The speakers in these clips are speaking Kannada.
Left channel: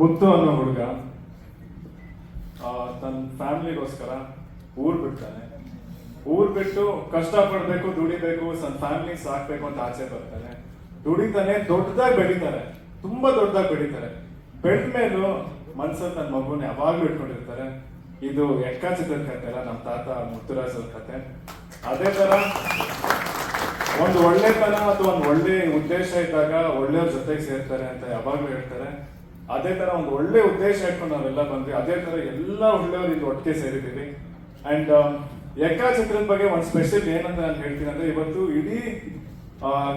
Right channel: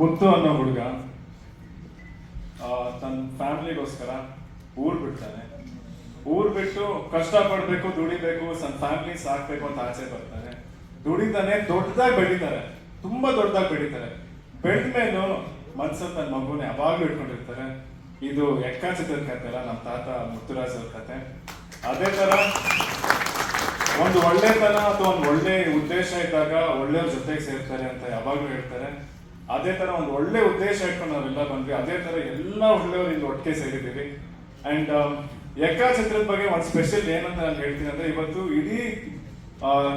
ಮುತ್ತು ಅನ್ನೋ ಹುಡುಗ ತನ್ನ ಫ್ಯಾಮಿಲಿಗೋಸ್ಕರ ಊರ್ ಬಿಡ್ತಾನೆ. ಊರ್ ಬಿಟ್ಟು ಕಷ್ಟ ಪಡ್ಬೇಕು, ದುಡಿಬೇಕು, ತನ್ನ ಫ್ಯಾಮಿಲಿ ಸಾಕ್ಬೇಕು ಅಂತ ಆಚೆ ಬರ್ತಾನೆ. ದುಡಿತಾನೆ, ದೊಡ್ಡದಾಗಿ ಬೆಳೀತಾರೆ, ತುಂಬಾ ದೊಡ್ಡದಾಗಿ ಬೆಳೀತಾರೆ. ಬೆಳೆದ ಮೇಲೂ ಮನ್ಸಲ್ಲಿ ತನ್ನ ಮಗುನ ಯಾವಾಗ್ಲೂ ಇಟ್ಕೊಂಡಿರ್ತಾರೆ. ಇದು ಎಕ್ಕ ಚಿತ್ರದ ಕಥೆ ಅಲ್ಲ, ನಮ್ಮ ತಾತ ಮುತ್ತುರಾಜ್ ಅವ್ರ ಕತೆ. ಅದೇ ತರ ಒಂದು ಒಳ್ಳೆತನ ಅಥವಾ ಒಂದು ಒಳ್ಳೆ ಉದ್ದೇಶ ಇದ್ದಾಗ ಒಳ್ಳೆಯವ್ರ ಜೊತೆಗೆ ಸೇರ್ತಾರೆ ಅಂತ ಯಾವಾಗ್ಲೂ ಹೇಳ್ತಾರೆ. ಅದೇ ತರ ಒಂದು ಒಳ್ಳೆ ಉದ್ದೇಶ ಇಟ್ಕೊಂಡು ನಾವೆಲ್ಲ ಬಂದ್ವಿ. ಅದೇ ತರ ಎಲ್ಲ ಒಳ್ಳೆಯವರು ಇಲ್ಲಿ ಒಟ್ಟಿಗೆ ಸೇರಿದ್ದೀವಿ. ಅಂಡ್ ಎಕ್ಕ ಚಿತ್ರದ ಬಗ್ಗೆ ಒಂದು ಸ್ಪೆಷಲ್ ಏನಂತ ನಾನು ಹೇಳ್ತೀನಿ ಅಂದ್ರೆ, ಇವತ್ತು ಇಡೀ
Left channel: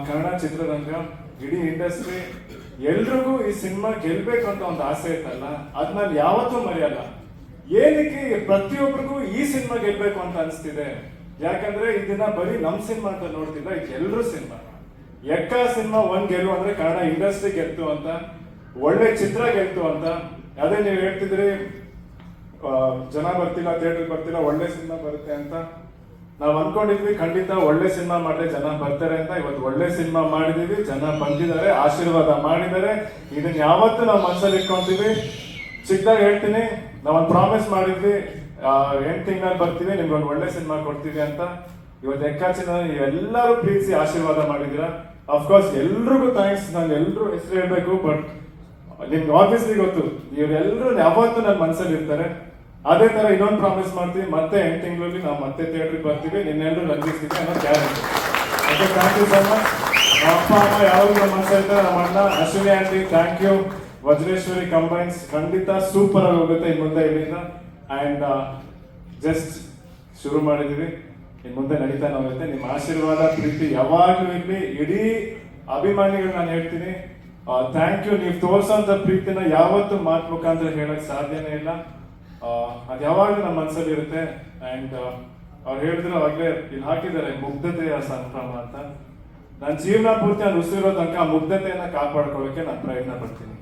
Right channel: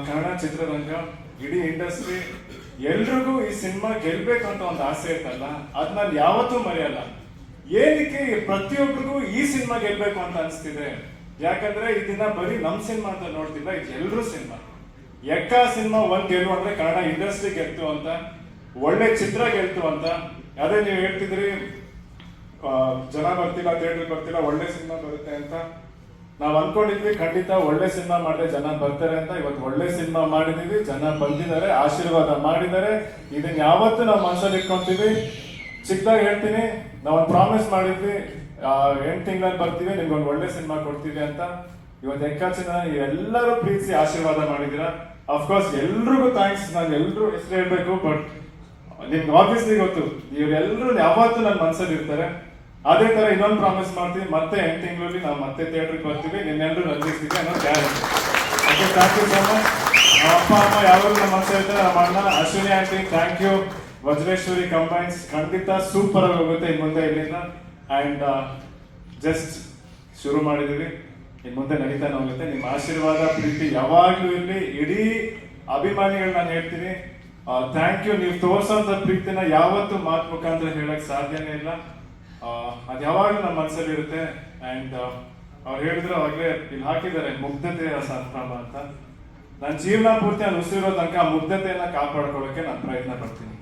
ಕನ್ನಡ ಚಿತ್ರರಂಗ, ಇಡೀ ಇಂಡಸ್ಟ್ರಿ ಎಲ್ರಿಗೂ ಈ ಸಿನಿಮಾ ಗೆಲ್ಬೇಕು ಅಂತ ಒಂದು ಆಸೆ ಇತ್ತಲ್ಲ, ಅದ್ ನಾನು ಯಾವತ್ತೂ ಮರೆಯಲ್ಲ. ಏನಕ್ಕೆ ಪ್ರತಿಯೊಬ್ಬರಿಗೂ ಈ ಸಿನಿಮಾ ಗೆಲ್ಬೇಕು ಅಂತ ಅನಿಸ್ತಿದೆ? ಯಾಕಂದ್ರೆ ಈ ದಿನ ಬರೀ ನಮ್ ಸಿನಿಮಾ ಅಂತ ನೋಡ್ತಿಲ್ಲ, ಇದು ಎಲ್ರೂ ಸಿನಿಮಾ. ಎಕ್ಕ ಸಿನಿಮಾ ಒಂದ್ ಗೆಲ್ಲು ಅಂದ್ರೆ ಕನ್ನಡ ಇಂಡಸ್ಟ್ರಿ ಗೆಲ್ತು ಅಂತ, ಒಳ್ಳೆ ಚಿತ್ರ ಗೆಲ್ತು ಅಂತ. ಅದೇ ನೀವು ಹೇಳ್ತಿದ್ರಿ ಜನ ಬರ್ತಿಲ್ಲ, ಥಿಯೇಟರ್ ಬರ್ತಿಲ್ಲ, ಒಳ್ಳೆ ಸಿನಿಮಾ ಬರುತ್ತೆ ಅಂತ. ನಾವ್ ಅನ್ಕೊಂಡಿದ್ವಿ ಖಂಡಿತ ಒಳ್ಳೆ ಸಿನಿಮಾ ಮಾಡಿದ್ರೆ ಜನ ಬರ್ತಾರೆ ಅಂತ. ಇವತ್ತು ಒಳ್ಳೆ ಸಿನಿಮಾ ಮಾಡಿದೀವಿ, ಜನ ಬಂದಿದ್ದಾರೆ, ಆಶೀರ್ವಾದ ಮಾಡಿದ್ದಾರೆ. ಇದನ್ನ ಯಾವತ್ತೂ ನಾವು ಮನಸ್ಸಲ್ಲಿ ಇಟ್ಕೊಂತೀವಿ. ಚಿಕ್ಕದಾಗಿ ಹೇಳ್ತೀನಿ, ನಾವೊಂದು ಪ್ರಾಮಿಸ್ ಮಾಡಿದ್ವಿ, 8 ತಿಂಗಳಲ್ಲಿ ಬರ್ತೀವಿ, ನಿಮ್ಗೆ ಒಂದು ಒಳ್ಳೆ ಸಿನಿಮಾ ಕೊಡ್ತೀವಿ ಅಂತ. ಇವತ್ತು ಎಕ್ಕಾಚಿನ ನೀವೆಲ್ಲರೂ ಪ್ರೀತಿಸಿ ಆಶೀರ್ವಾದ ಮಾಡಿದ್ದೀರಾ. ಅಫ್ಕೋರ್ಸ್ ಎಲ್ರಿಗೂ ಥ್ಯಾಂಕ್ಸ್. ನಾನು ಎಲ್ರೂ ಹೆಸರು ಹೇಳ್ಬೇಕು, ಬಟ್ ನಿಮ್ಗೆ ಆಬ್ವಿಯಸ್ಲಿ ಗೊತ್ತು, ಇವರೆಲ್ಲರೂ ಯಾವತ್ತೂ ನನ್ನ ಮನಸ್ಸಲ್ಲಿ ಇರ್ತಾರೆ. ಅದೇ ತರ ಇನ್ನೊಂದು ಪ್ರಾಮಿಸ್ ಮಾಡ್ತೀವಿ, ಮತ್ತೆ 8 ತಿಂಗಳಲ್ಲಿ ನಾವು ಮತ್ತೆ ಥಿಯೇಟರ್ಗೆ ಬರ್ತೀವಿ, ನಿನ್ನೆಲ್ಲರೂ ರಂಜಿಸ್ತೀವಿ ಅನ್ನೋ guarantee. Okay, thank you so much. ನಮ್ಮ ಅಪ್ಪ ಅಮ್ಮ ಯಾವಾಗ ನಮ್ಮ ಮನಸ್ಸಲ್ಲಿ ಇರ್ತಾರೆ, ನಮ್ಮ ಅಣ್ಣ Ashwini aunty thank you, Vajreshwari combines ಖಂಡಿತ ಸೂಪರ್ ಆಗಿ ಹೋಗುತ್ತೆ ಇನ್ನು ಮುಂದೆ ಇಲ್ಲಿಂದ. ಅಂಡ್ ಜಸ್ಟ್ ಶುರು ಮಾಡಿದೀವಿ, ಇನ್ನು ಮುಂದೆ ನಡೀತಾನೆ ಹೋಗುತ್ತೆ. ನಿಮ್ಮ ಆಶೀರ್ವಾದ ಪ್ರೀತಿ ಯಾವಾಗ್ಲೂ ಇರಲಿ. ಇಡೀ ಅಭಿಮಾನಿಗಳು ನಾನು ಹೇಳ್ತೀನಿ, ಥ್ಯಾಂಕ್ ಯು. ನೀವು ತೋರ್ಸೋಂಥ ಪ್ರೀತಿನ ಯಾವತ್ತೂ ಮಾತು ಮುಖಾಂತರ ಹೇಳಕ್ ಸಾಧ್ಯನೇ ಇಲ್ಲ. ಅದು ಯಾವಾಗಲೂ ನಮ್ಮ ಮನಸ್ಸಲ್ಲಿ ಇರುತ್ತೆ. ಅಂಡ್ ಅವ್ರು ಹೇಳಿದ್ರು ಅವಾಗಲೇ ಇಲ್ಲಿ ಹಾಕಿದ್ದಾರೆ, ಮುಗ್ಧತೆಯ ಸಂಭ್ರಮ ಅಂತ. ನನ್ನ ಜೀವನ ಪೂರ್ತಿ ನಾನು ಉಸಿರಿರೋ ತನಕ ಆ ಮುಗ್ಧತೆಯನ್ನ ಕಾಪಾಡ್ಕೊಳ್ಳೋಕೆ ನಾನು ಪ್ರಯತ್ನ ಪಡ್ತೀನಿ.